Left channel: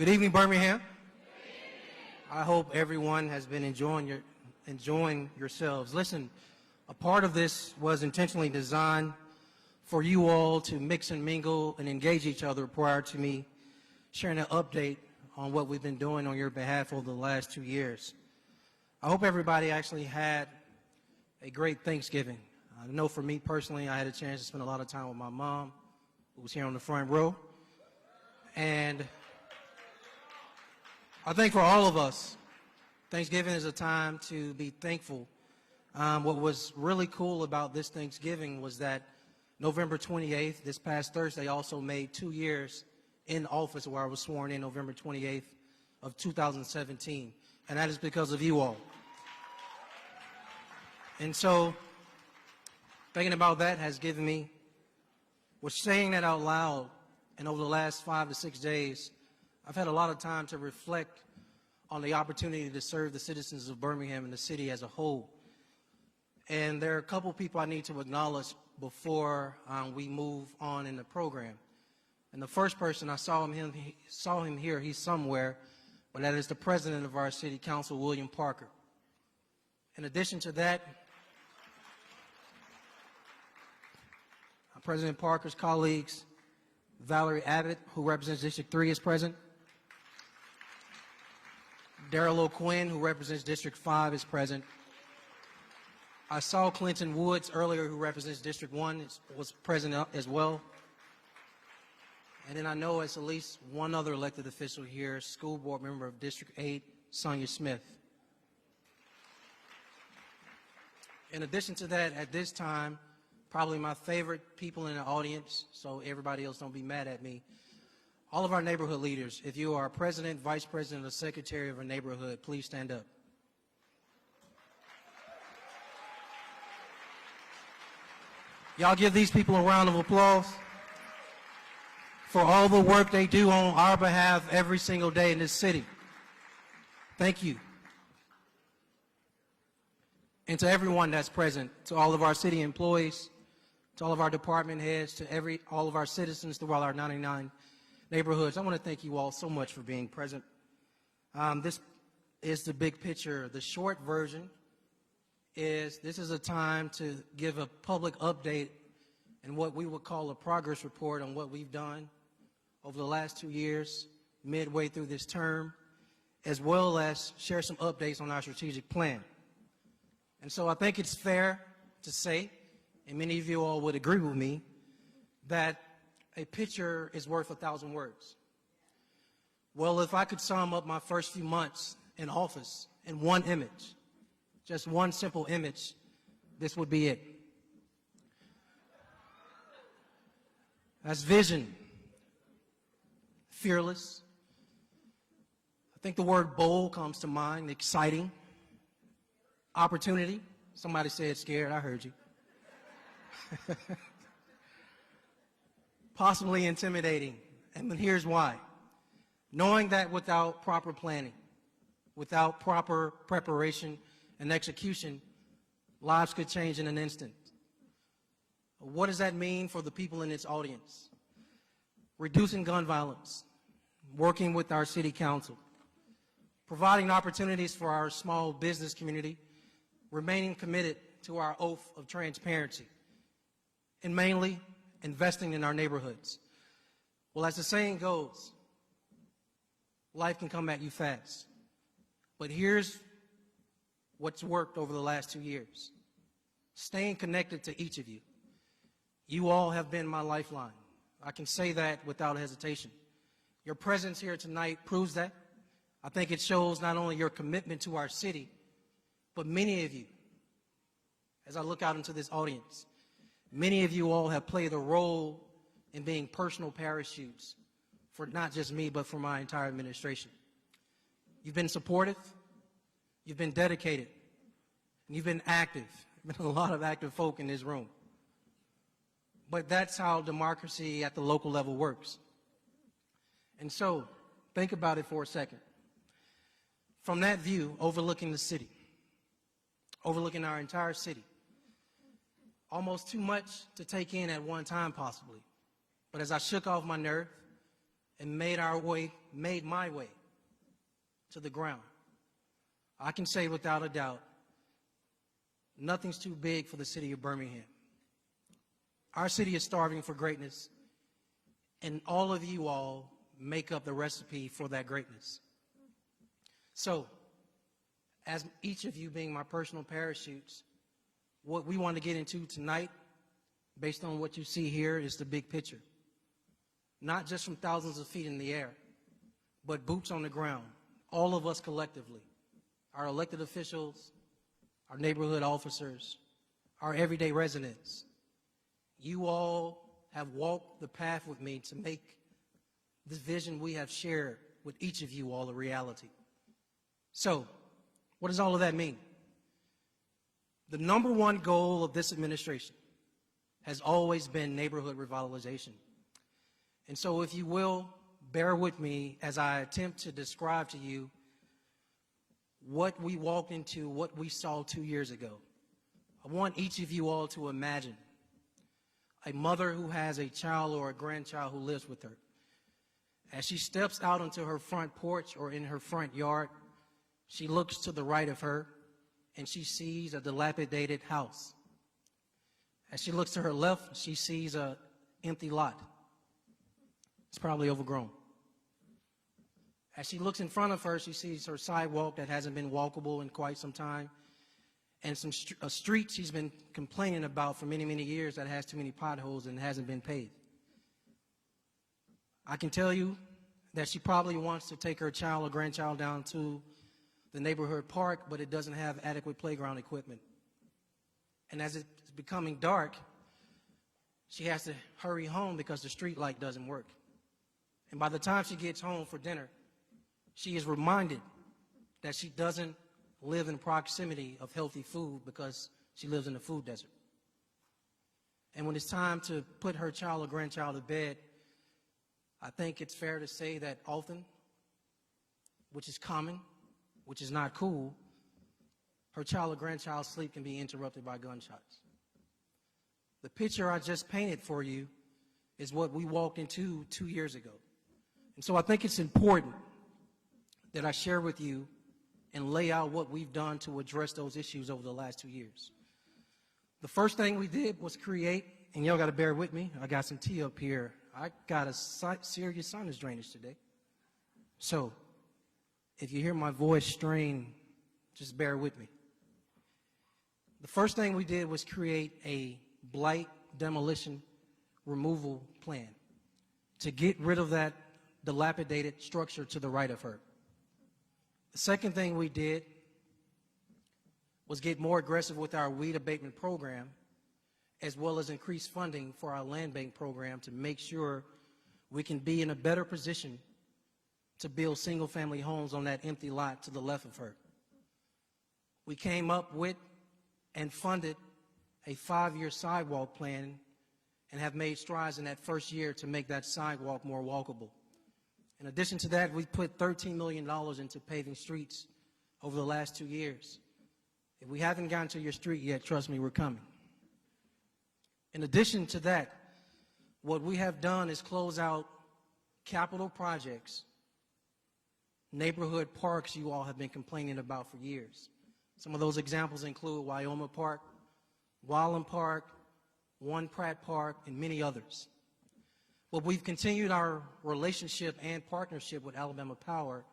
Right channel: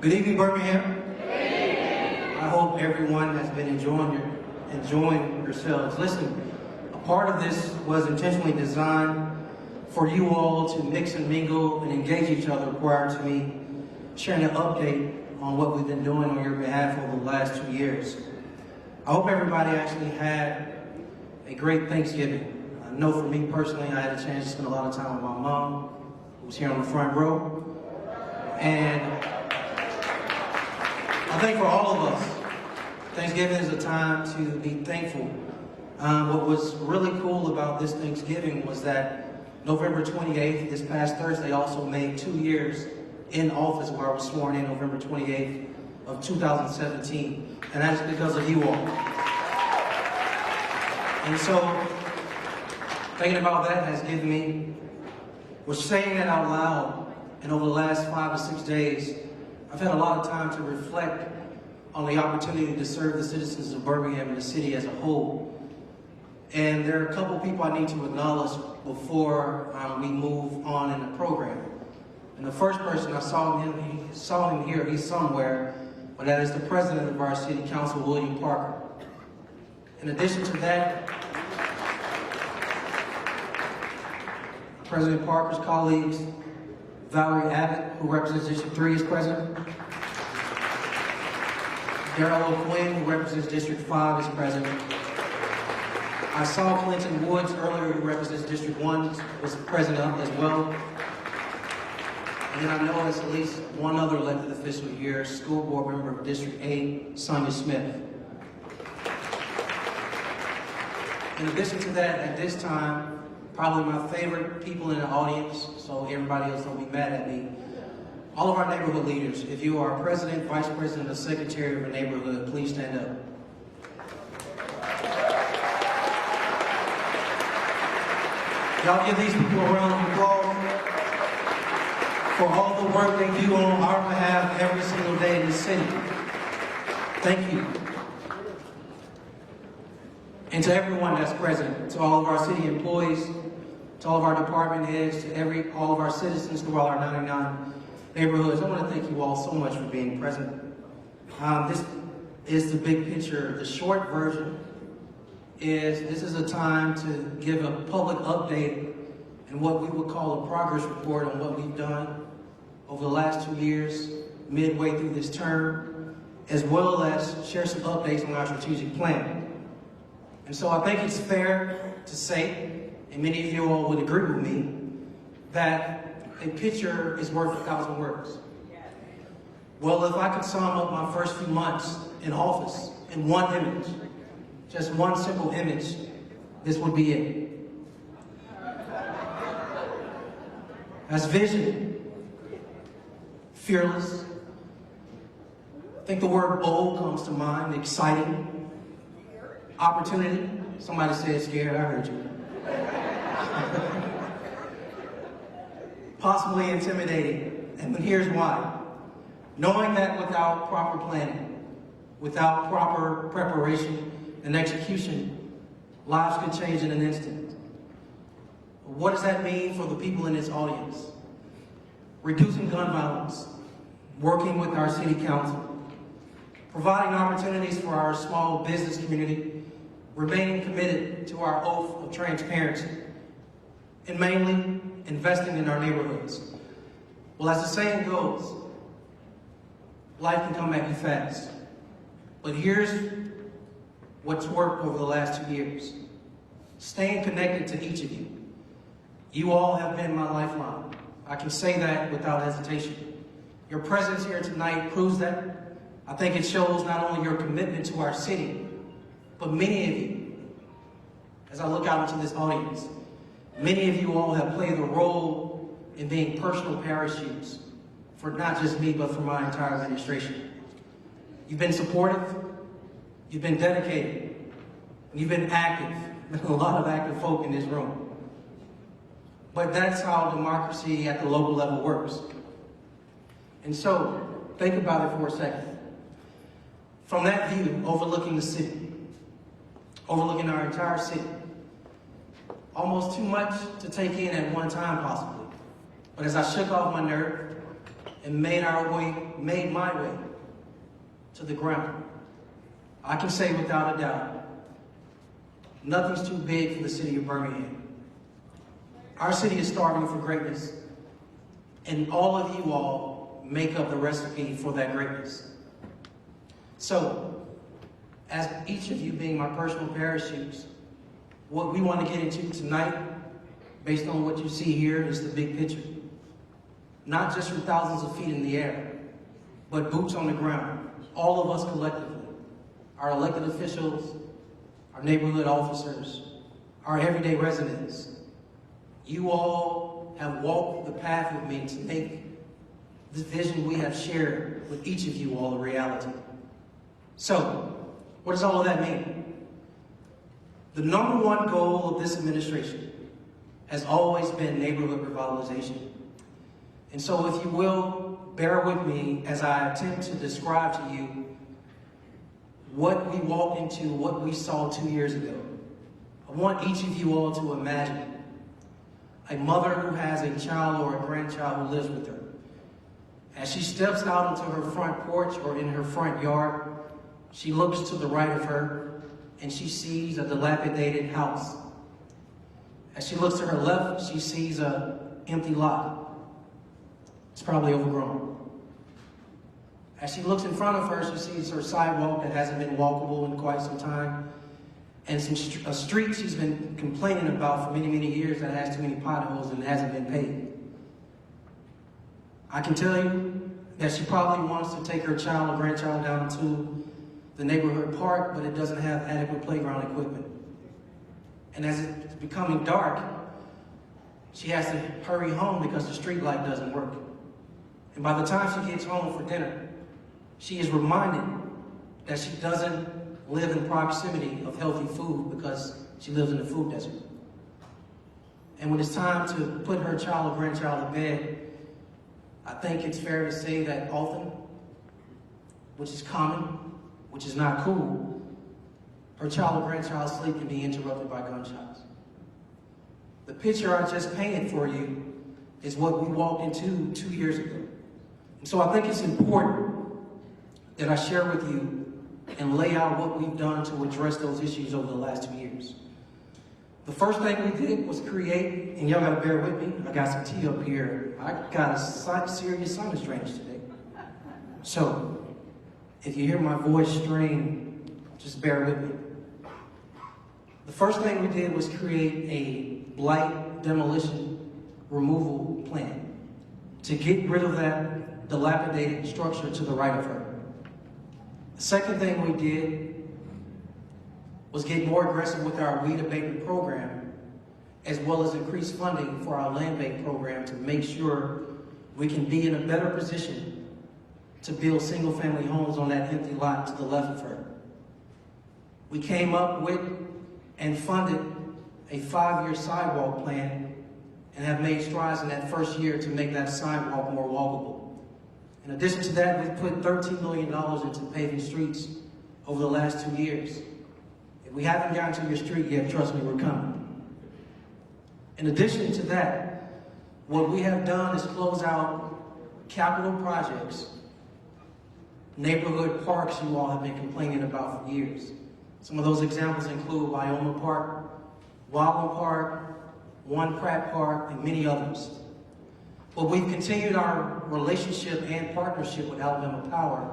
Good evening, Birmingham. I hope everyone has been enjoying yourselves. Listen, a part of this was intentionally designed for you all to mix and mingle and engage each other prior to me sharing an update on what we've been doing on your behalf over the last 2 years. I hope everybody actually had a great Thanksgiving. I know for me personally, I had a chance to spend a lot of time with my mom, who's here on the front row. And I think for all of us, Thanksgiving is a time to be thankful. What was really cool about this Thanksgiving was that November 28th, this past Thursday, also made 2 years in office where I was sworn in November 28th of 2017. And that's because of you all. And so, thinking about that has given me, saying that out loud, and over the last 5 to 6 days, I've had a lot of time to reflect on the opportunity to serve the citizens of Birmingham and the city as a whole. And there are a couple people I need to acknowledge before we move on in the program. And the first person, I saw him here, he's somewhere, but that is the president of our city council, William Parker. In addition to that, President Parker's colleagues, Valerie Abbott, who represents District 3, is president. Darrell O'Quinn, who represents District 5, is president. I saw Clinton Woods earlier, who represents District 1, was president as well. And I know there's at least one other elected official here, school board member of District 8, Sonia Smith. In addition to that, at this time, probably my favorite people in the audience, so everybody else don't be mad at me, all of our neighborhood leaders. If you are a president, vice president, or secretary of a neighborhood, please stand up. Y'all give these people a round of applause for all the work they do on our behalf every single day in the city. Thank you. And to everyone that's present, to all of our city employees, to all of our department heads, to all of our citizens throughout our 99 neighborhoods, I want to thank you all so much for being present. This is the big picture. The short version is this is a time to give a public update and what we would call a progress report on what we've done over the last 2 years, midway through this term, as well as share some updates on our strategic plan. And so I think it's fair to say, and many of you all would agree with me, that a picture is worth 1,000 words. Well, if I could sum up my first few months in office in one image, just one simple image, this would be it. That's vision, fearless. I think the word bold comes to mind, exciting, opportunity. Somebody said scared, I heard you. Possibly intimidating, and here's why. Knowing that without proper planning, without proper preparation and execution, lives could change in an instant. What does that mean for the people in this audience? Reducing gun violence, working with our city council, providing opportunities for our small business community, remaining committed to our oath of transparency, and mainly investing in our neighborhoods. Well, as the saying goes, life can come at you fast. But here's what's worked over the last 2 years. Staying connected to each of you. You all have been my lifeline. I can say that without hesitation. Your presence here tonight proves that. I think it shows not only your commitment to our city, but many of you, as I look out into this audience, many of you all have played a role in being personal parachutes for not just me, but for my entire administration. You've been supportive, you've been dedicated, you've been active. There's a lot of active folk in this room. But that's how democracy at the local level works. And so, think about it for a second. From that view, overlooking the city, overlooking our entire city, almost too much to take in at one time possibly. But as I shook off my nerve and made my way to the ground. I can say without a doubt, nothing's too big for the city of Birmingham. Our city is starving for greatness, and all of you all make up the recipe for that greatness. So, as each of you being my personal parachutes, what we want to get into tonight, based on what you see here, is the big picture. Not just from thousands of feet in the air, but boots on the ground, all of us collectively. Our elected officials, our neighborhood officers, our everyday residents. You all have walked the path with me to make this vision we have shared with each of you all a reality. So, what does all of that mean? The number one goal of this administration has always been neighborhood revitalization. And so, if you will, bear with me as I attempt to describe to you what we walked into, what we saw 2 years ago. I want each of you all to imagine a mother who has a child or a grandchild who lives with her. As she steps out into her front porch or in her front yard, she looks to the right of her and she sees a dilapidated house. As she looks to her left, she sees an empty lot. It's probably overgrown. As she looks in front of her, she sees her sidewalk that hasn't been walkable in quite some time. And it's a street she's been complaining about for many, many years that has too many potholes and hasn't been paved. I can tell you that she probably wants to take her child or grandchild down to the neighborhood park, but it doesn't have adequate playground equipment. And as it's becoming dark, she has to hurry home because the street light doesn't work. And by the time she gets home for dinner, she is reminded that she doesn't live in proximity of healthy food because she lives in a food desert. And when it's time to put her child or grandchild to bed, I think it's fair to say that often, which is common, which is not cool, her child or grandchild's sleep can be interrupted by gunshots. The picture I just painted for you is what we walked into 2 years ago. So I think it's important that I share with you and lay out what we've done to address those issues over the last 2 years. The first thing we did was create, and y'all gotta bear with me, I got some tea up here. I got a serious sinus drainage today. So, if you hear my voice strain, just bear with me. The first thing we did was create a blight demolition removal plan to get rid of that dilapidated structure to the right of her. The second thing we did was get more aggressive with our weed abatement program, as well as increase funding for our land bank program to make sure we can be in a better position to build single-family homes on that empty lot to the left of her. We came up with and funded a 5-year sidewalk plan and have made strides in that first year to make that sidewalk more walkable. In addition to that, we've put $13 million into paving streets over the last 2 years. If we haven't gotten to your street yet, trust me, we're coming. In addition to that, what we have done is close out capital projects, neighborhood parks you all have been complaining about for years. Some of those examples include Wyoming Park, Wildland Park, One Pratt Park, and many others. But we've continued our relationship and partnership with Alabama Power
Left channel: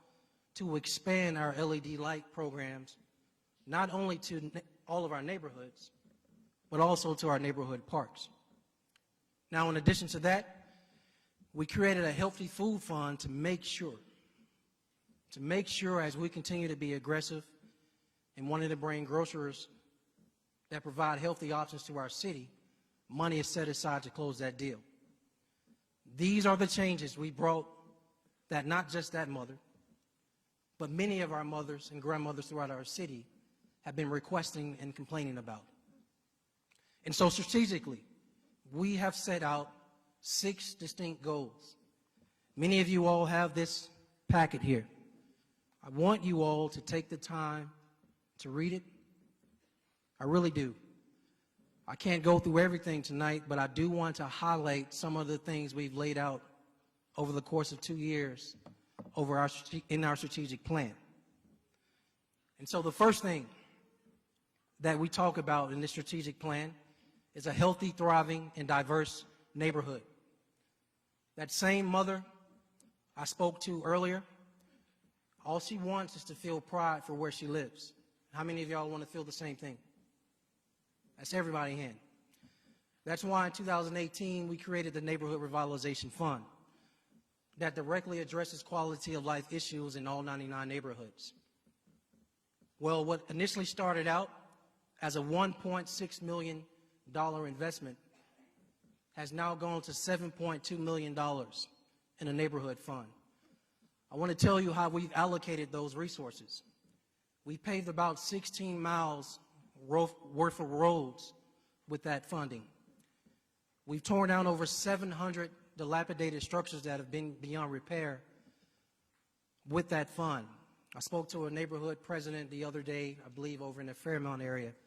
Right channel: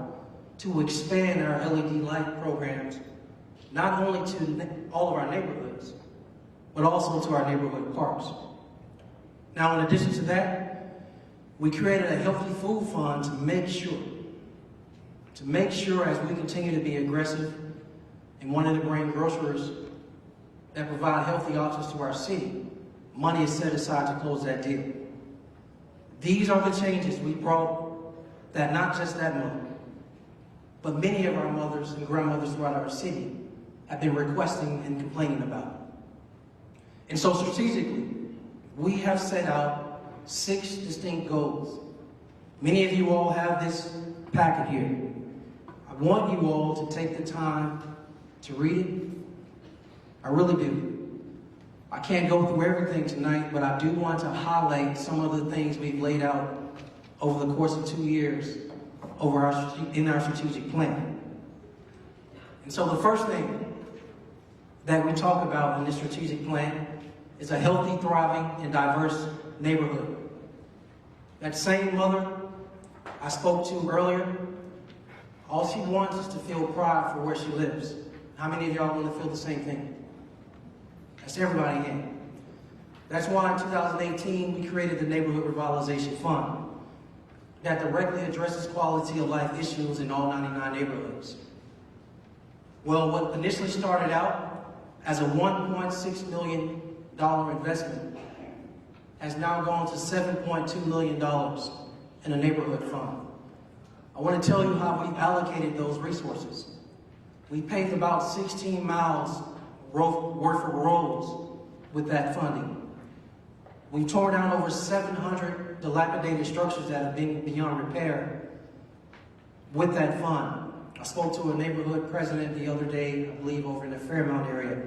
to expand our LED light programs, not only to all of our neighborhoods, but also to our neighborhood parks. Now, in addition to that, we created a healthy food fund to make sure as we continue to be aggressive and wanting to bring grocers that provide healthy options to our city, money is set aside to close that deal. These are the changes we brought that not just that mother, but many of our mothers and grandmothers throughout our city have been requesting and complaining about. And so strategically, we have set out 6 distinct goals. Many of you all have this packet here. I want you all to take the time to read it. I really do. I can't go through everything tonight, but I do want to highlight some of the things we've laid out over the course of 2 years in our strategic plan. And so the first thing that we talk about in this strategic plan is a healthy, thriving, and diverse neighborhood. That same mother I spoke to earlier, all she wants is to feel pride for where she lives. How many of y'all want to feel the same thing? That's everybody in. That's why in 2018 we created the Neighborhood Revitalization Fund that directly addresses quality of life issues in all 99 neighborhoods. Well, what initially started out as a $1.6 million investment has now gone to $7.2 million in a neighborhood fund. I want to tell you how we allocated those resources. We paved about 16 miles worth of roads with that funding. We've torn down over 700 dilapidated structures that have been beyond repair with that fund. I spoke to a neighborhood president the other day, I believe over in the Fairmount area,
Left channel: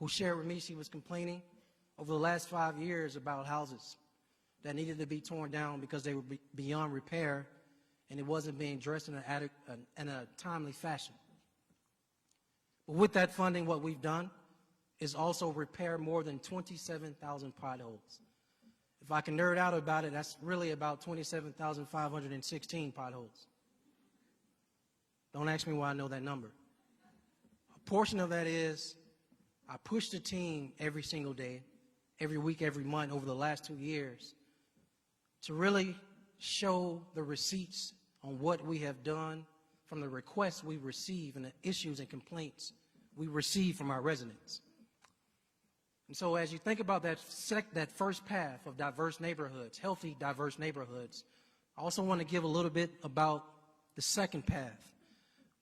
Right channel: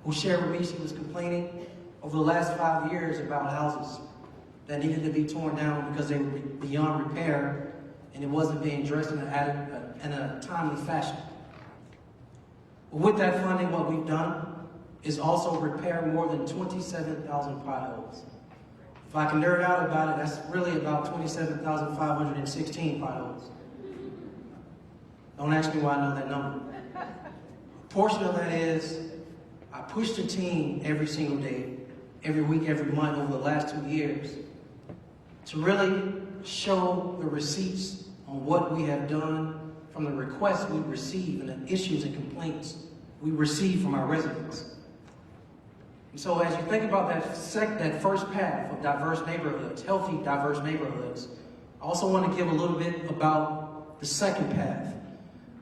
who shared with me she was complaining over the last 5 years about houses that needed to be torn down because they were beyond repair and it wasn't being addressed in a timely fashion. With that funding, what we've done is also repair more than 27,000 potholes. If I can nerd out about it, that's really about 27,516 potholes. Don't ask me why I know that number. A portion of that is I pushed the team every single day, every week, every month over the last 2 years to really show the receipts on what we have done from the requests we receive and the issues and complaints we receive from our residents. So as you think about that first path of diverse neighborhoods, healthy, diverse neighborhoods, I also want to give a little bit about the second path,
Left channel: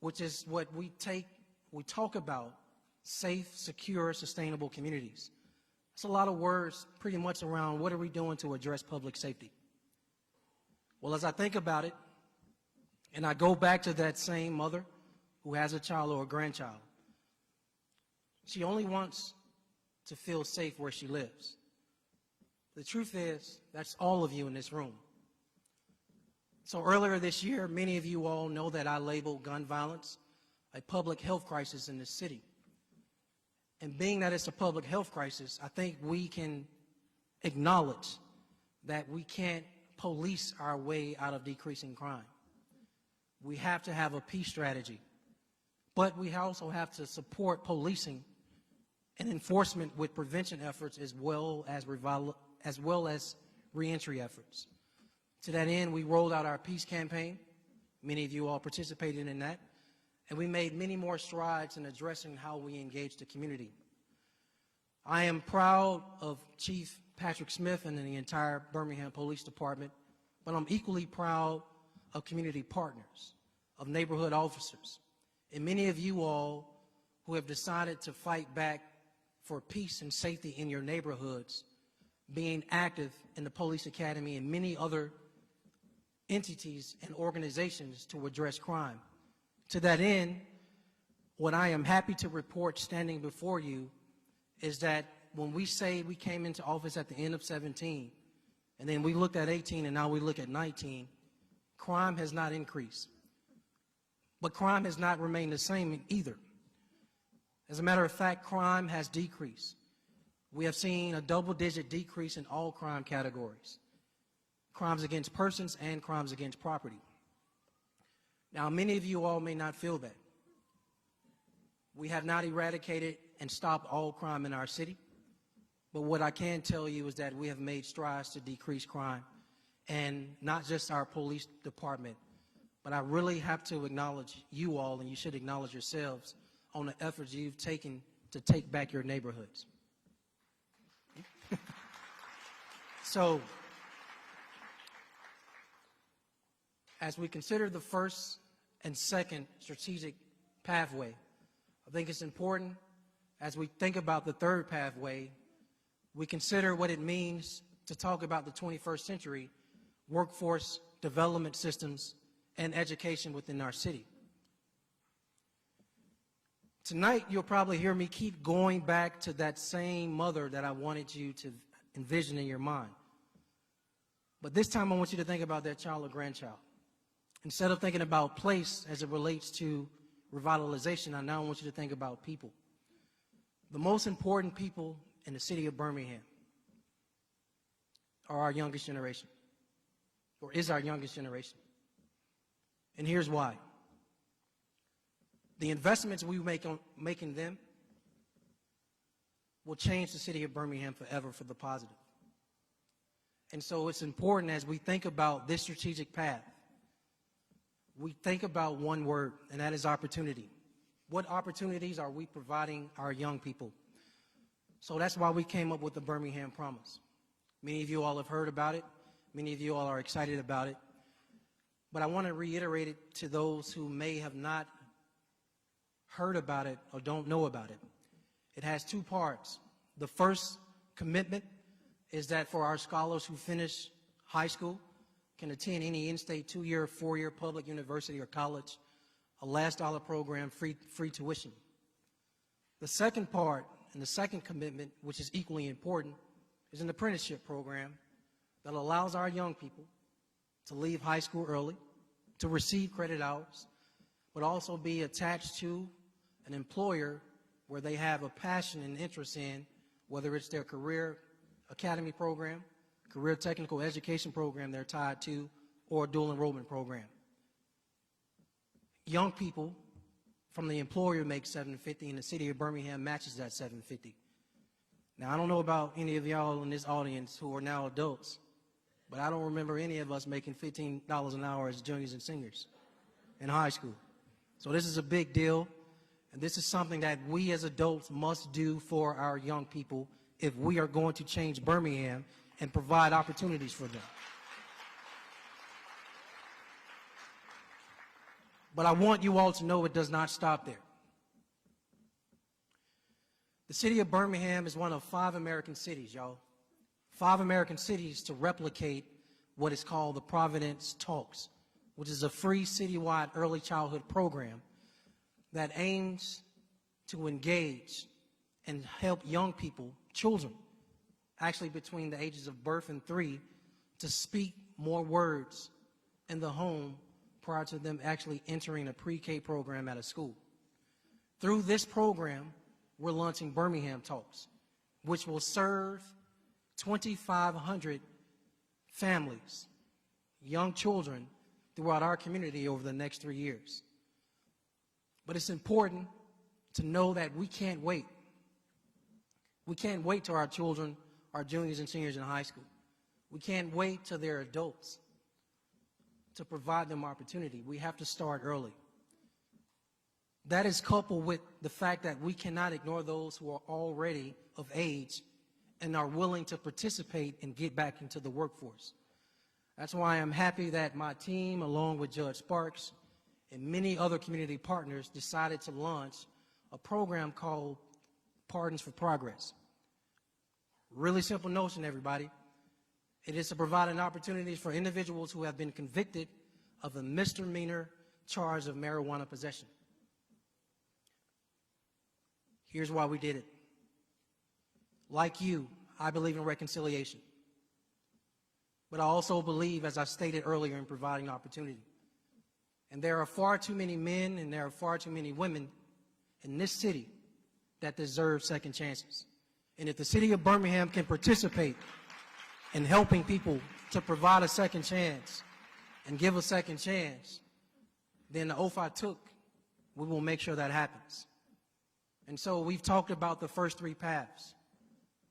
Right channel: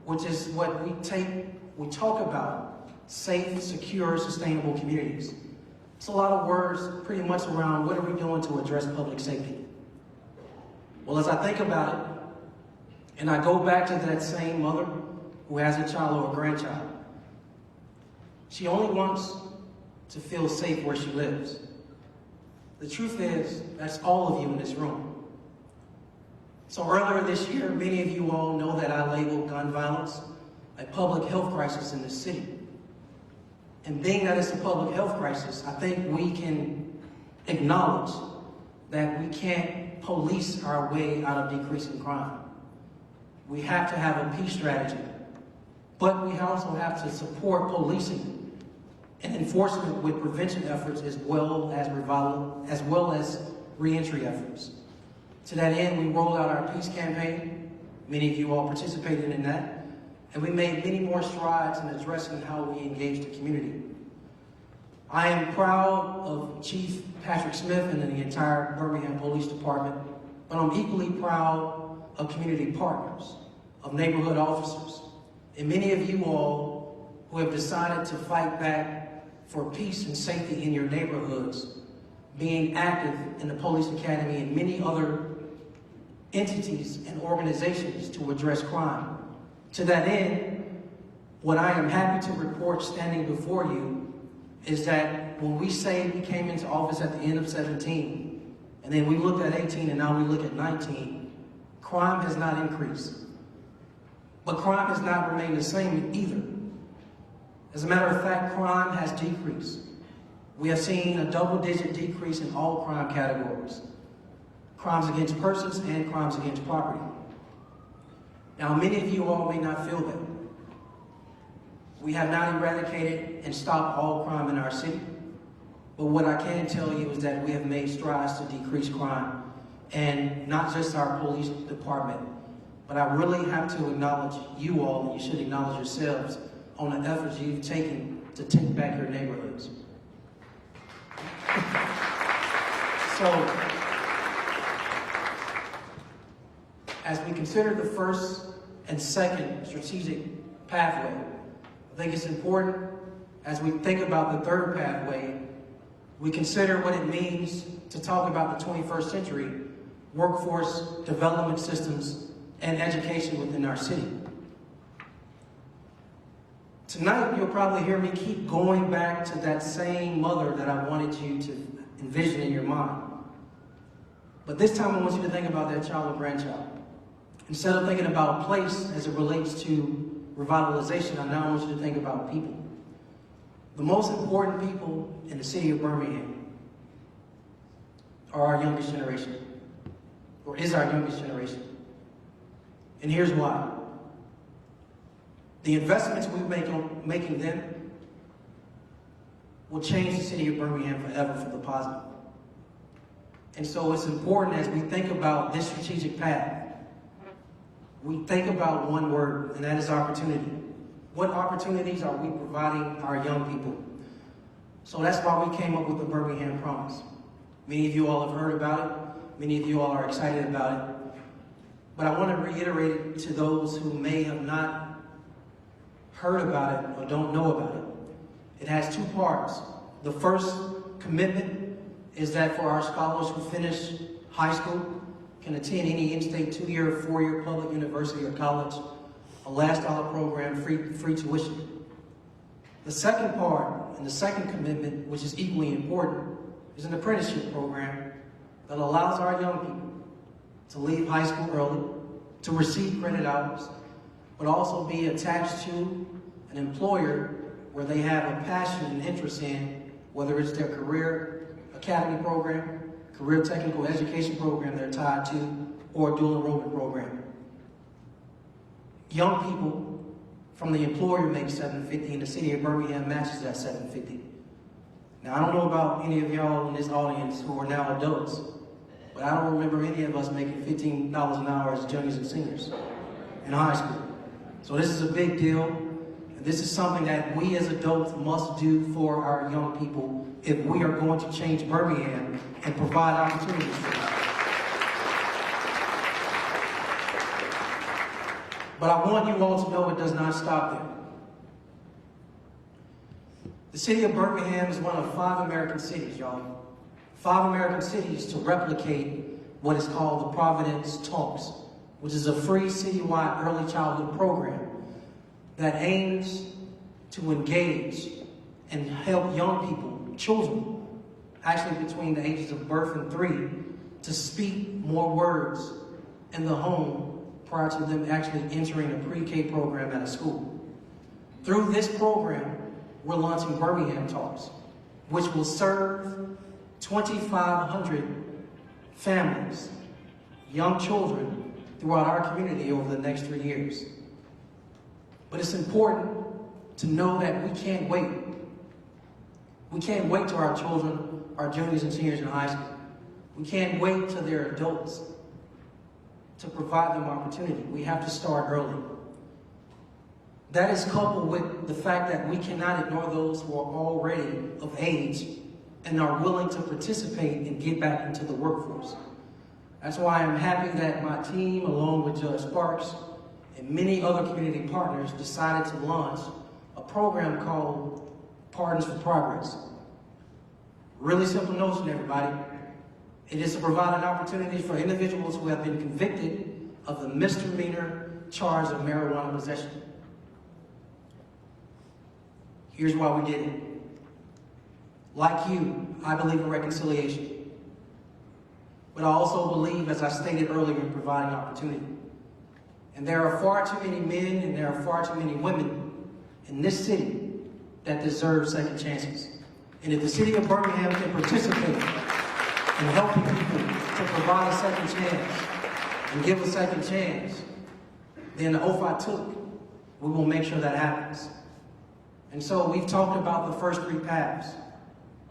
which is what we talk about safe, secure, sustainable communities. It's a lot of words pretty much around what are we doing to address public safety. Well, as I think about it, and I go back to that same mother who has a child or a grandchild, she only wants to feel safe where she lives. The truth is, that's all of you in this room. So earlier this year, many of you all know that I labeled gun violence a public health crisis in the city. And being that it's a public health crisis, I think we can acknowledge that we can't police our way out of decreasing crime. We have to have a peace strategy, but we also have to support policing and enforcement with prevention efforts as well as reentry efforts. To that end, we rolled out our peace campaign. Many of you all participated in that. And we made many more strides in addressing how we engage the community. I am proud of Chief Patrick Smith and the entire Birmingham Police Department, but I'm equally proud of community partners, of neighborhood officers, and many of you all who have decided to fight back for peace and safety in your neighborhoods, being active in the Police Academy and many other entities and organizations to address crime. To that end, what I am happy to report standing before you is that when we say we came into office at the end of 17, and then we looked at 18 and now we look at 19, crime has not increased. But crime has not remained the same either. As a matter of fact, crime has decreased. We have seen a double-digit decrease in all crime categories. Crimes against persons and crimes against property. Now, many of you all may not feel that. We have not eradicated and stopped all crime in our city. But what I can tell you is that we have made strides to decrease crime. And not just our police department, but I really have to acknowledge you all, and you should acknowledge yourselves, on the efforts you've taken to take back your neighborhoods. So, as we consider the first and second strategic pathway, I think it's important, as we think about the third pathway, we consider what it means to talk about the 21st century workforce development systems and education within our city. Tonight, you'll probably hear me keep going back to that same mother that I wanted you to envision in your mind. But this time I want you to think about that child or grandchild. Instead of thinking about place as it relates to revitalization, I now want you to think about people. The most important people in the city of Birmingham are our youngest generation, or is our youngest generation. And here's why. The investments we make on making them will change the city of Birmingham forever for the positive. And so it's important as we think about this strategic path, we think about one word, and that is opportunity. What opportunities are we providing our young people? So that's why we came up with the Birmingham Promise. Many of you all have heard about it. Many of you all are excited about it. But I want to reiterate it to those who may have not heard about it or don't know about it. It has two parts. The first commitment is that for our scholars who finish high school, can attend any in-state 2-year or 4-year public university or college, a last dollar program, free tuition. The second part, and the second commitment, which is equally important, is an apprenticeship program that allows our young people to leave high school early, to receive credit hours, but also be attached to an employer where they have a passion and interest in, whether it's their career academy program, career technical education program they're tied to, or a dual enrollment program. Young people from the employer make $750, and the city of Birmingham matches that $750. Now, I don't know about any of y'all in this audience who are now adults, but I don't remember any of us making $15 an hour as juniors and seniors in high school. So this is a big deal, and this is something that we as adults must do for our young people if we are going to change Birmingham and provide opportunities for them. But I want you all to know it does not stop there. The city of Birmingham is one of 5 American cities, y'all. 5 American cities to replicate what is called the Providence Talks, which is a free citywide early childhood program that aims to engage and help young people, children, actually between the ages of birth and 3, to speak more words in the home prior to them actually entering a pre-K program at a school. Through this program, we're launching Birmingham Talks, which will serve 2,500 families, young children, throughout our community over the next 3 years. But it's important to know that we can't wait. We can't wait till our children are juniors and seniors in high school. We can't wait till they're adults to provide them opportunity. We have to start early. That is coupled with the fact that we cannot ignore those who are already of age and are willing to participate and get back into the workforce. That's why I'm happy that my team, along with Judge Sparks and many other community partners, decided to launch a program called Pardons for Progress. Really simple notion, everybody. It is to provide an opportunity for individuals who have been convicted of the misdemeanor charge of marijuana possession. Here's why we did it. Like you, I believe in reconciliation. But I also believe, as I stated earlier, in providing opportunity. And there are far too many men and there are far too many women in this city that deserve second chances. And if the city of Birmingham can participate in helping people to provide a second chance and give a second chance, then the oath I took, we will make sure that happens. And so we talked about the first 3 paths.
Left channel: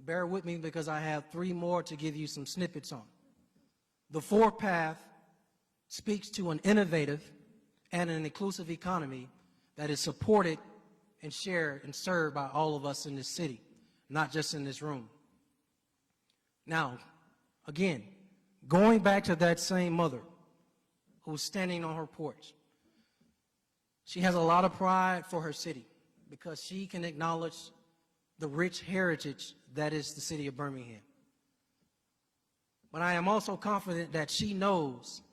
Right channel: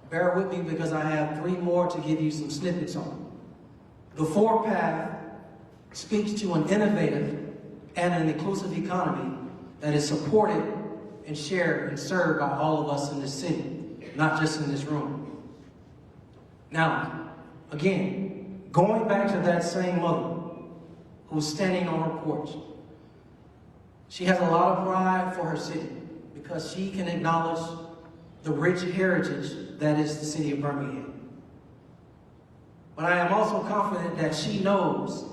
Bear with me because I have 3 more to give you some snippets on. The 4th path speaks to an innovative and an inclusive economy that is supported and shared and served by all of us in this city, not just in this room. Now, again, going back to that same mother who's standing on her porch, she has a lot of pride for her city because she can acknowledge the rich heritage that is the city of Birmingham. But I am also confident that she knows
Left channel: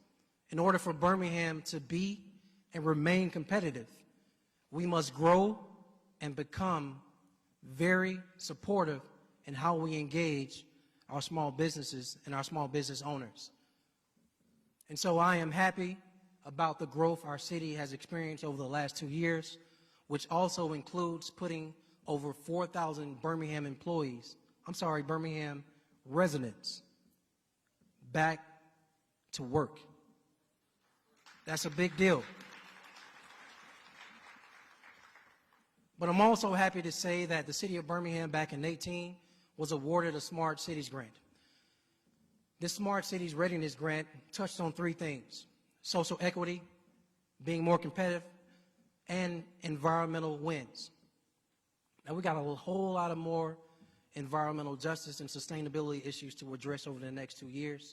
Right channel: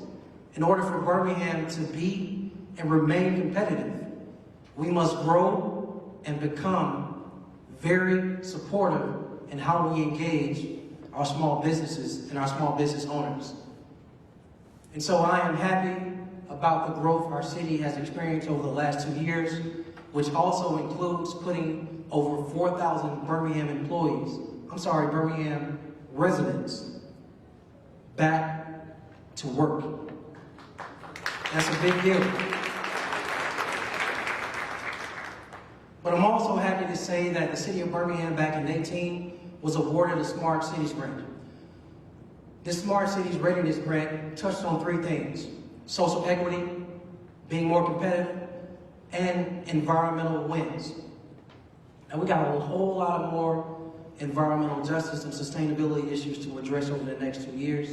in order for Birmingham to be and remain competitive, we must grow and become very supportive in how we engage our small businesses and our small business owners. And so I am happy about the growth our city has experienced over the last 2 years, which also includes putting over 4,000 Birmingham residents back to work. That's a big deal. But I'm also happy to say that the city of Birmingham back in 2018 was awarded a Smart Cities grant. This Smart Cities Readiness Grant touched on 3 things: social equity, being more competitive, and environmental wins. And we have a whole lot more environmental justice and sustainability issues to address over the next 2 years.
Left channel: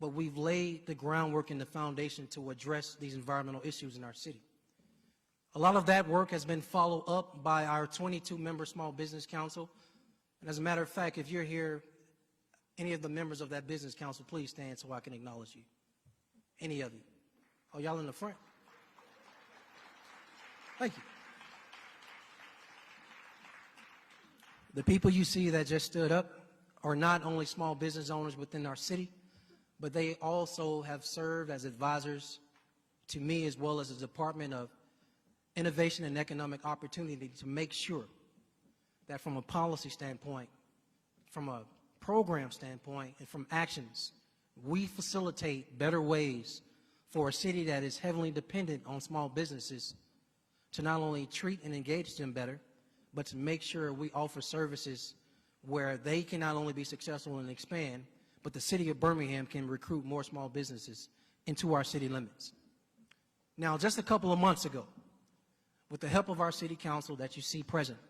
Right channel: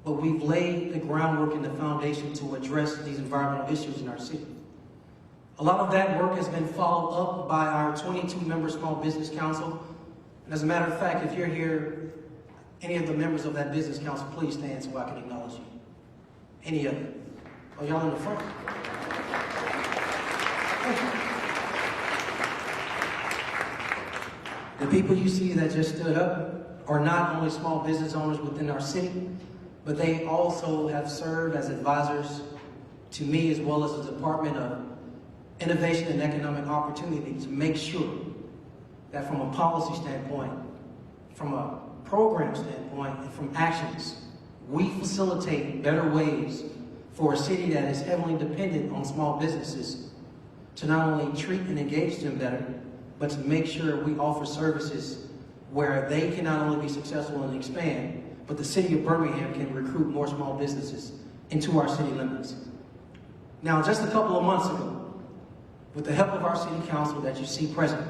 But we've laid the groundwork and the foundation to address these environmental issues in our city. A lot of that work has been followed up by our 22-member Small Business Council. As a matter of fact, if you're here, any of the members of that business council, please stand so I can acknowledge you. Any of them. Oh, y'all in the front? The people you see that just stood up are not only small business owners within our city, but they also have served as advisors to me as well as the Department of Innovation and Economic Opportunity to make sure that from a policy standpoint, from a program standpoint, and from actions, we facilitate better ways for a city that is heavily dependent on small businesses to not only treat and engage them better, but to make sure we offer services where they can not only be successful and expand, but the city of Birmingham can recruit more small businesses into our city limits. Now, just a couple of months ago, with the help of our city council that you see present,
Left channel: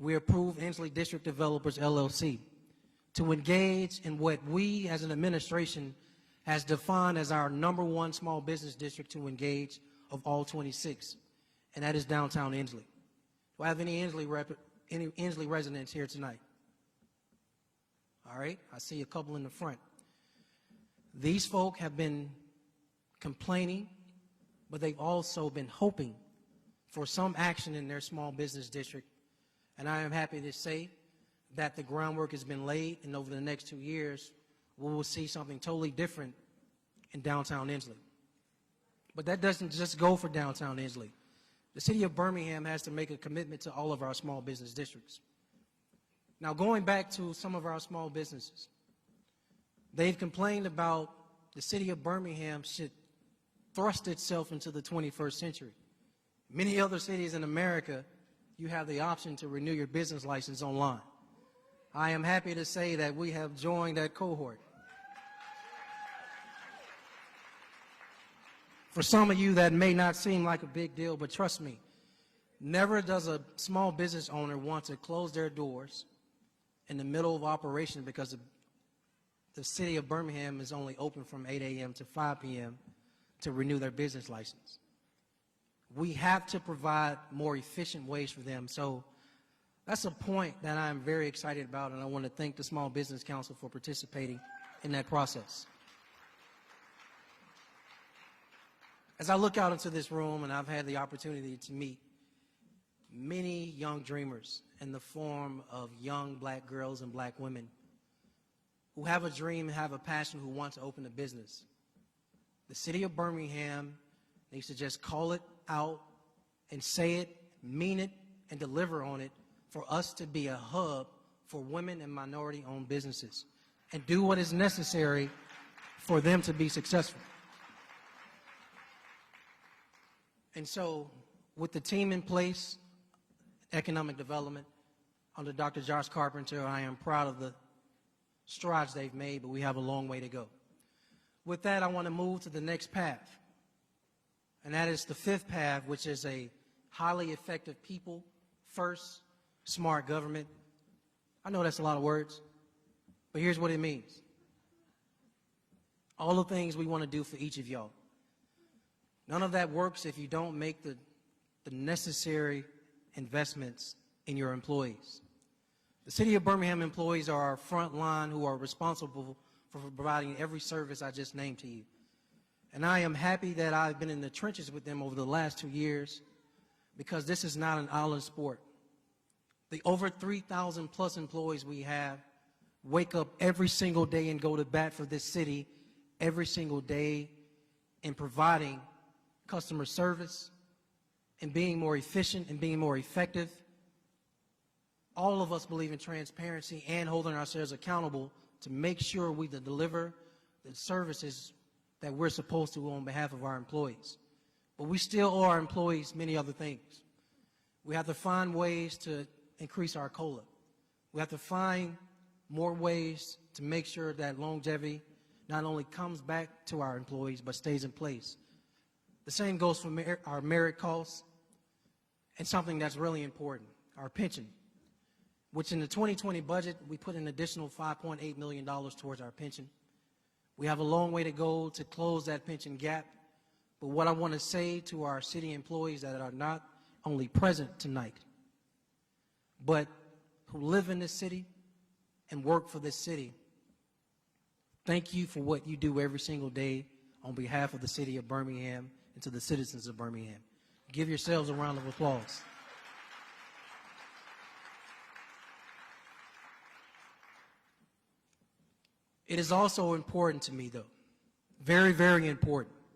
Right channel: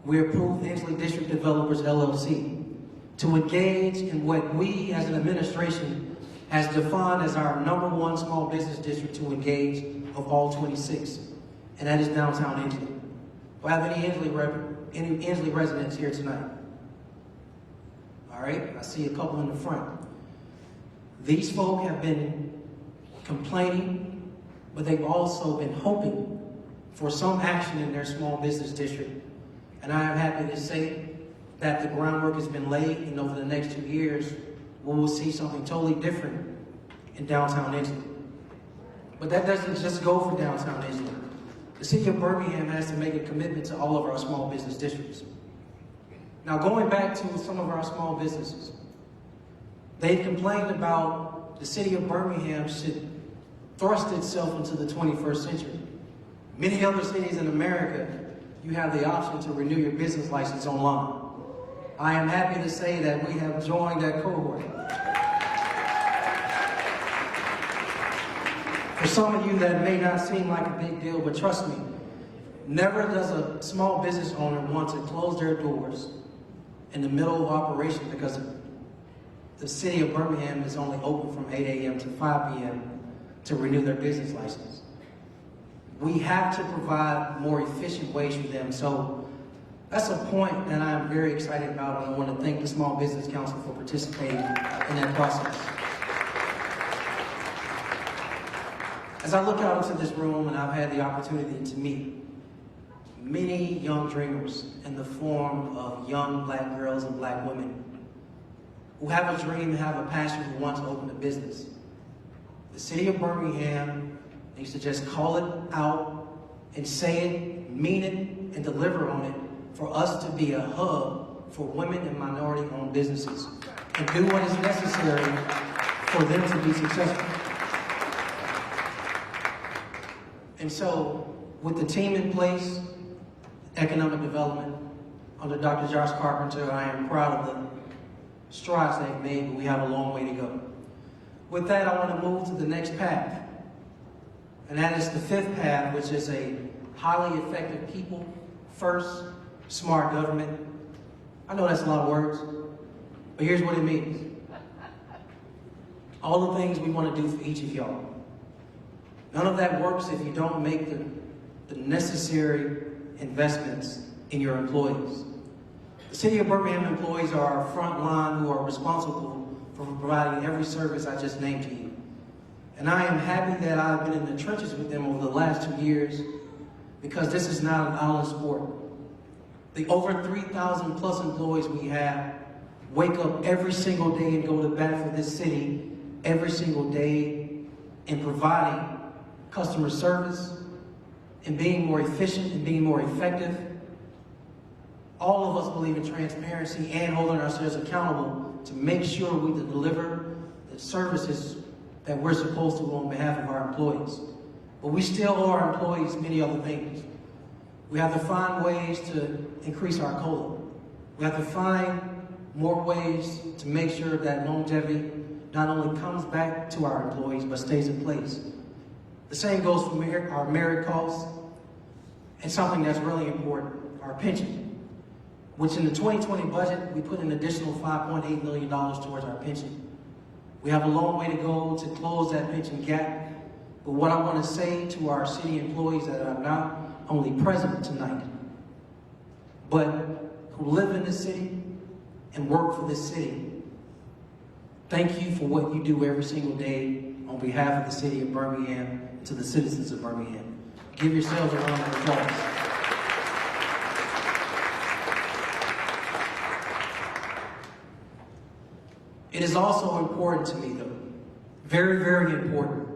we approved Inslee District Developers LLC to engage in what we as an administration has defined as our #1 small business district to engage of all 26, and that is downtown Inslee. Do I have any Inslee residents here tonight? All right, I see a couple in the front. These folk have been complaining, but they've also been hoping for some action in their small business district. And I am happy to say that the groundwork has been laid, and over the next 2 years, we will see something totally different in downtown Inslee. But that doesn't just go for downtown Inslee. The city of Birmingham has to make a commitment to all of our small business districts. Now, going back to some of our small businesses, they've complained about the city of Birmingham should thrust itself into the 21st century. Many other cities in America, you have the option to renew your business license online. I am happy to say that we have joined that cohort. For some of you, that may not seem like a big deal, but trust me, never does a small business owner want to close their doors in the middle of operation because the city of Birmingham is only open from 8 a.m. to 5 p.m. to renew their business license. We have to provide more efficient ways for them. So that's a point that I'm very excited about, and I want to thank the Small Business Council for participating in that process. As I look out into this room, and I've had the opportunity to meet many young dreamers in the form of young black girls and black women who have a dream, have a passion, who want to open a business. The city of Birmingham needs to just call it out and say it, mean it, and deliver on it for us to be a hub for women and minority-owned businesses and do what is necessary for them to be successful. And so, with the team in place, economic development, under Dr. Josh Carpenter, I am proud of the strides they've made, but we have a long way to go. With that, I want to move to the next path. And that is the 5th path, which is a highly effective people first, smart government. I know that's a lot of words, but here's what it means. All the things we want to do for each of y'all. None of that works if you don't make the necessary investments in your employees. The City of Birmingham employees are our front line who are responsible for providing every service I just named to you. And I am happy that I've been in the trenches with them over the last 2 years because this is not an island sport. The over 3,000 plus employees we have wake up every single day and go to bat for this city every single day in providing customer service, in being more efficient, and being more effective. All of us believe in transparency and holding ourselves accountable to make sure we deliver the services that we're supposed to on behalf of our employees. But we still owe our employees many other things. We have to find ways to increase our COLA. We have to find more ways to make sure that longevity not only comes back to our employees, but stays in place. The same goes for our merit costs, and something that's really important, our pension, which in the 2020 budget, we put an additional $5.8 million towards our pension. We have a long way to go to close that pension gap, but what I want to say to our city employees that are not only present tonight, but who live in this city and work for this city, thank you for what you do every single day on behalf of the city of Birmingham to the citizens of Birmingham. Give yourselves a round of applause. It is also important to me, though, very, very important,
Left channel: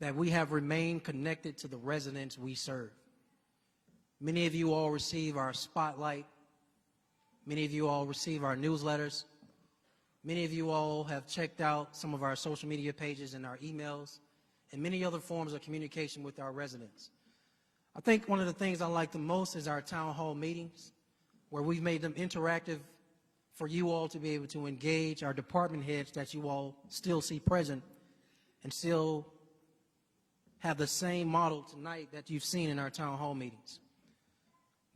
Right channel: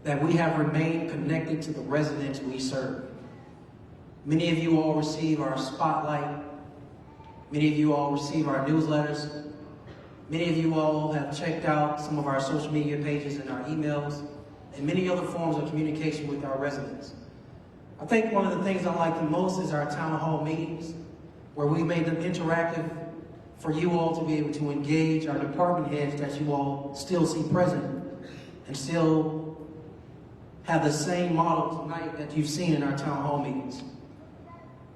that we have remained connected to the residents we serve. Many of you all receive our spotlight. Many of you all receive our newsletters. Many of you all have checked out some of our social media pages and our emails, and many other forms of communication with our residents. I think one of the things I like the most is our town hall meetings, where we've made them interactive for you all to be able to engage our department heads that you all still see present and still have the same model tonight that you've seen in our town hall meetings.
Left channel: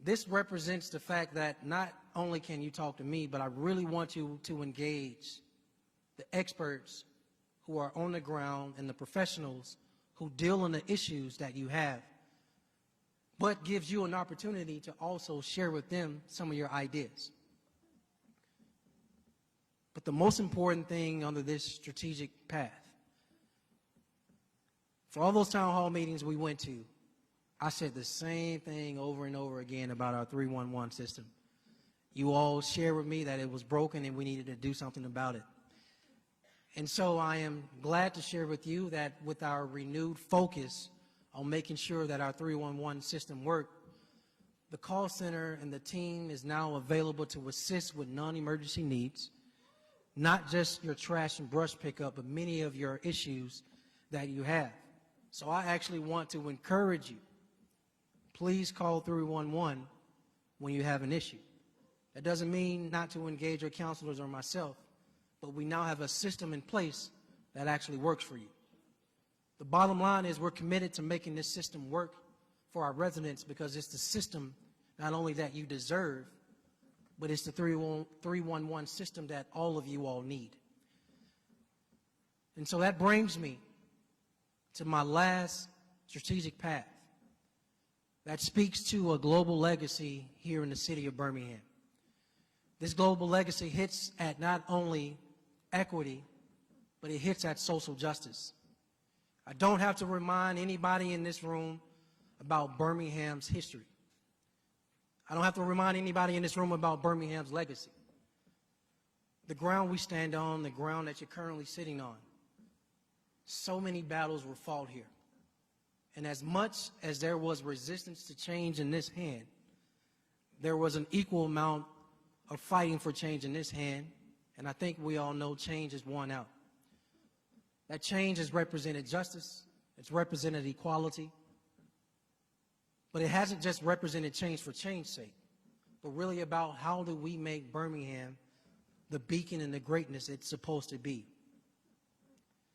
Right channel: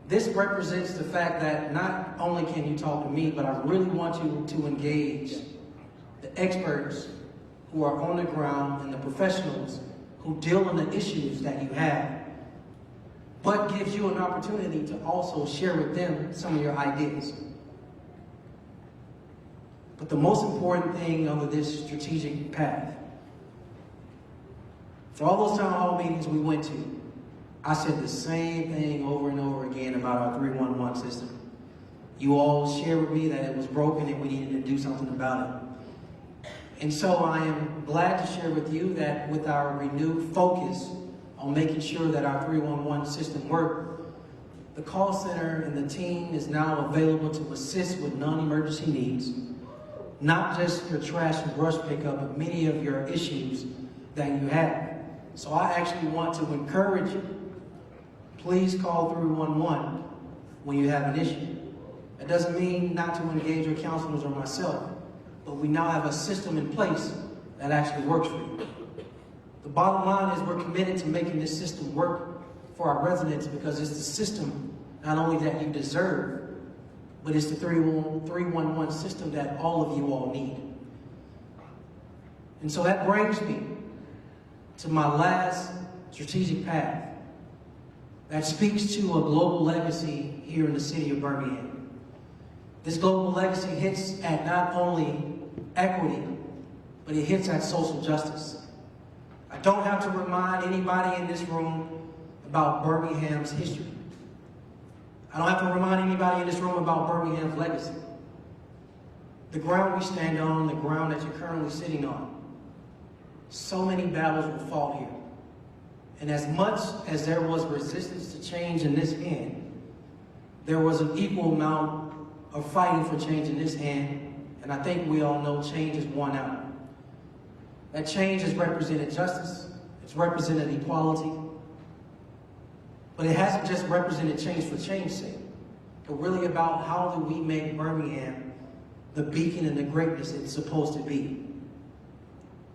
This represents the fact that not only can you talk to me, but I really want you to engage the experts who are on the ground and the professionals who deal in the issues that you have, but gives you an opportunity to also share with them some of your ideas. But the most important thing under this strategic path, for all those town hall meetings we went to, I said the same thing over and over again about our 311 system. You all shared with me that it was broken and we needed to do something about it. And so I am glad to share with you that with our renewed focus on making sure that our 311 system worked, the call center and the team is now available to assist with non-emergency needs, not just your trash and brush pickup, but many of your issues that you have. So I actually want to encourage you, please call 311 when you have an issue. That doesn't mean not to engage your counselors or myself, but we now have a system in place that actually works for you. The bottom line is we're committed to making this system work for our residents because it's the system not only that you deserve, but it's the 311 system that all of you all need. And so that brings me to my last strategic path that speaks to a global legacy here in the city of Birmingham. This global legacy hits at not only equity, but it hits at social justice. I don't have to remind anybody in this room about Birmingham's history. I don't have to remind anybody in this room about Birmingham's legacy. The ground we stand on, the ground that you're currently sitting on, so many battles were fought here. And as much as there was resistance to change in this hand, there was an equal amount of fighting for change in this hand, and I think we all know change is won out. That change has represented justice, it's represented equality, but it hasn't just represented change for change's sake, but really about how do we make Birmingham the beacon and the greatness it's supposed to be.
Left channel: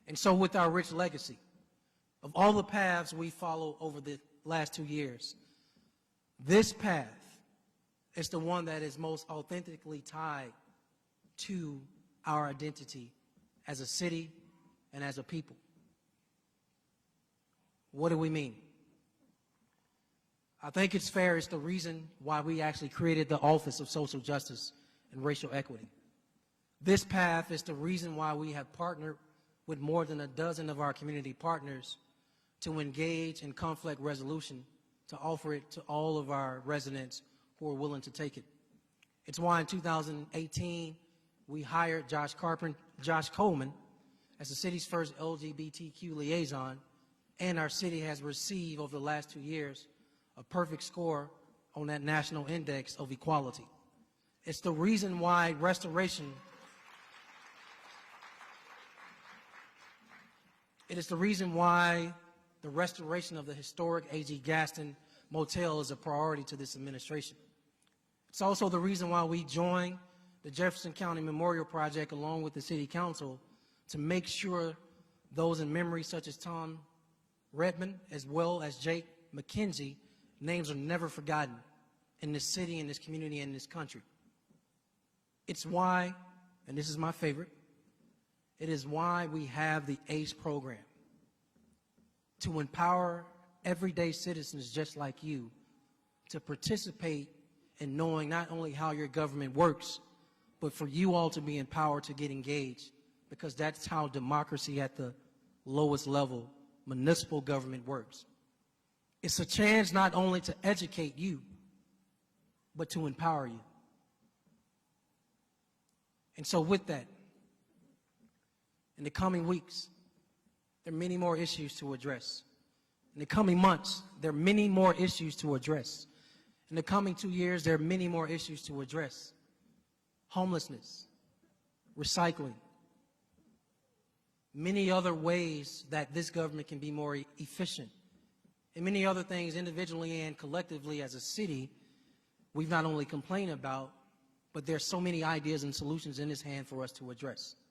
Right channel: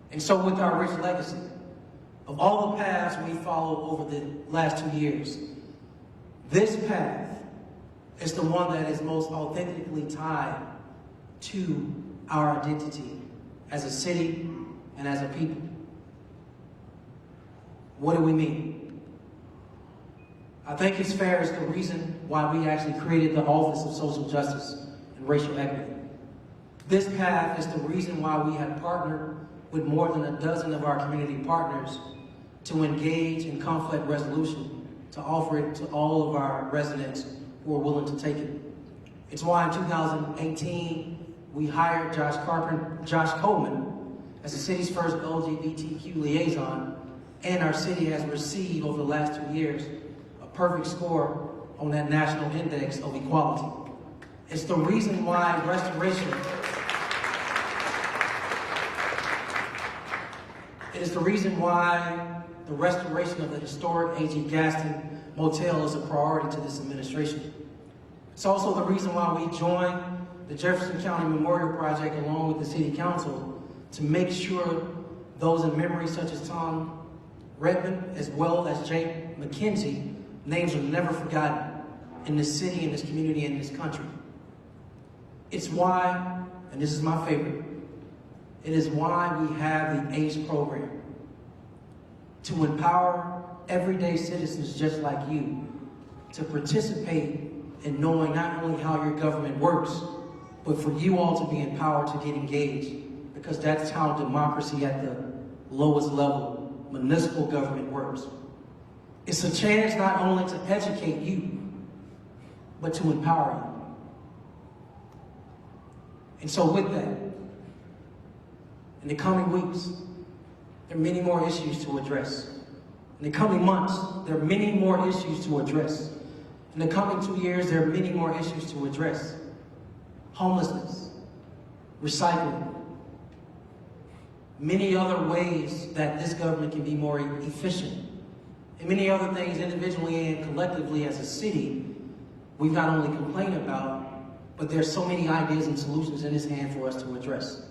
And so with our rich legacy, of all the paths we followed over the last 2 years, this path is the one that is most authentically tied to our identity as a city and as a people. What do we mean? I think it's fair it's the reason why we actually created the Office of Social Justice and Racial Equity. This path is the reason why we have partnered with more than a dozen of our community partners to engage in conflict resolution, to offer it to all of our residents who are willing to take it. It's why in 2018, we hired Josh Coleman as the city's first LGBTQ liaison, and our city has received over the last 2 years a perfect score on that National Index of Equality. It's the reason why restoration the restoration of the historic A.G. Gaston Motel is a priority to this administration. It's also the reason why we joined the Jefferson County Memorial Project along with the City Council to make sure those in memory such as Tom Redmond as well as Jay McKenzie, names are never forgotten in this city, in this community, in this country. It's why, and this is my favorite, it is why we have the ACE program, to empower everyday citizens just like you to participate in knowing not only how your government works, but for you all to be empowered to get engaged, because that's how democracy at the lowest level, municipal government, works. It's a chance not only to educate you, but to empower you. And so with that, in the coming weeks, there are many more issues to address. In the coming months, there are many more issues to address. In the coming 2 years, there are many more issues to address. Homelessness, recycling, many other ways that this government can be more efficient, and many other things individually and collectively as a city we not only complain about, but there's so many ideas and solutions in this hand for us to address.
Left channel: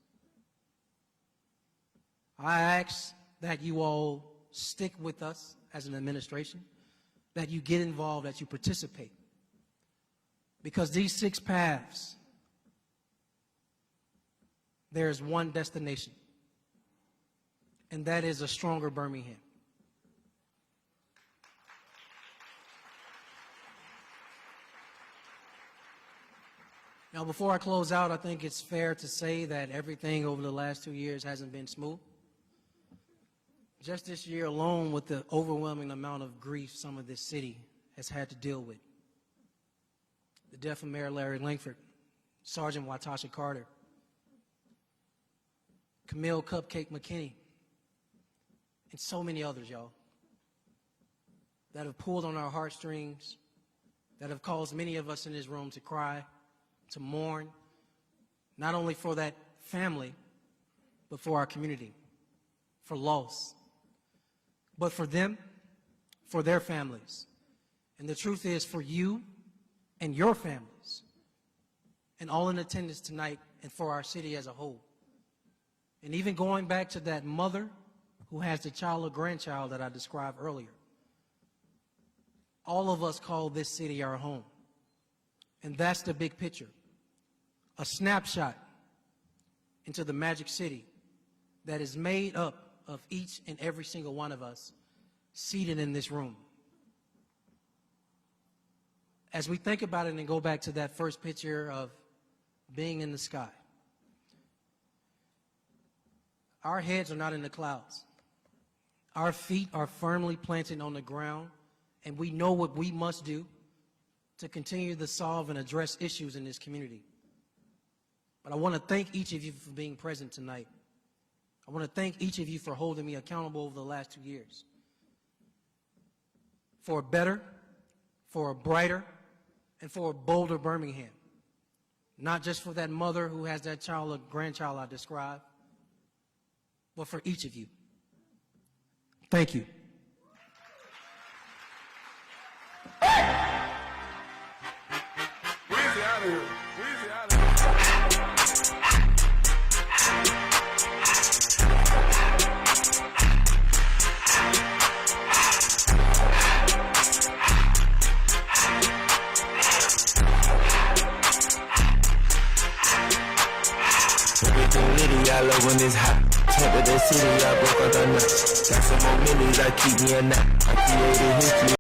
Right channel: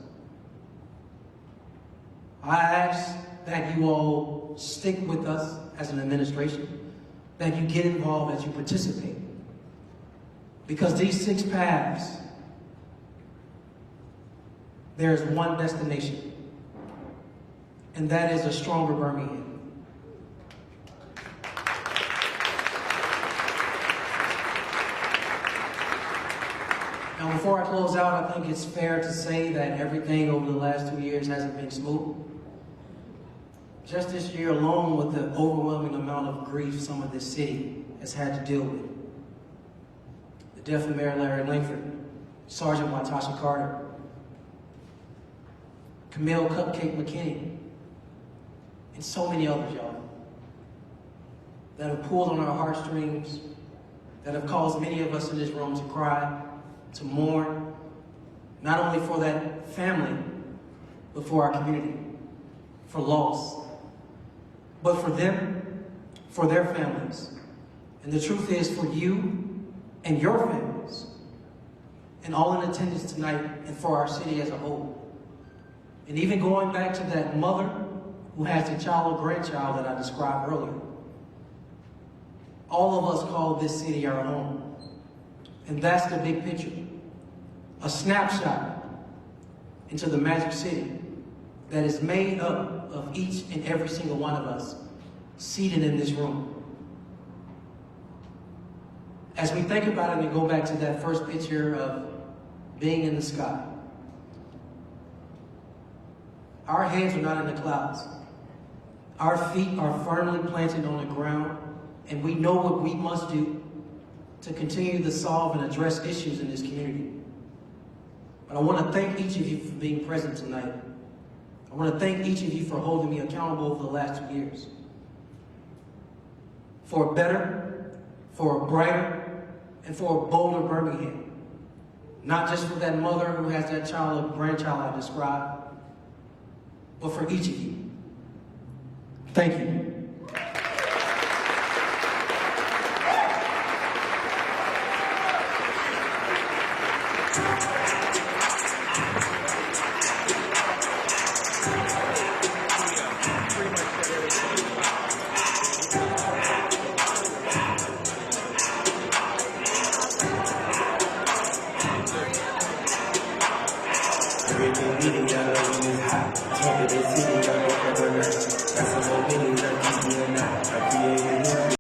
I ask that you all stick with us as an administration, that you get involved, that you participate. Because these 6 paths, there's one destination, and that is a stronger Birmingham. Now, before I close out, I think it's fair to say that everything over the last 2 years hasn't been smooth. Just this year alone, with the overwhelming amount of grief some of this city has had to deal with. The death of Mayor Larry Langford, Sergeant Latasha Carter, Camille Cupcake McKinney, and so many others, y'all, that have pulled on our heartstrings, that have caused many of us in this room to cry, to mourn, not only for that family, but for our community, for loss, but for them, for their families. And the truth is, for you and your families, and all in attendance tonight, and for our city as a whole. And even going back to that mother who has a child or grandchild that I described earlier. All of us call this city our home. And that's the big picture. A snapshot into the Magic City that is made up of each and every single one of us seated in this room. As we think about it and go back to that first picture of being in the sky, our heads are not in the clouds. Our feet are firmly planted on the ground, and we know what we must do to continue to solve and address issues in this community. But I want to thank each of you for being present tonight. I want to thank each of you for holding me accountable over the last 2 years. For a better, for a brighter, and for a bolder Birmingham. Not just for that mother who has that child or grandchild I described, but for each of you. Thank you. I love when it's hot. Top of the city, I broke up the night. Got some more money that keep me a knot. I created history.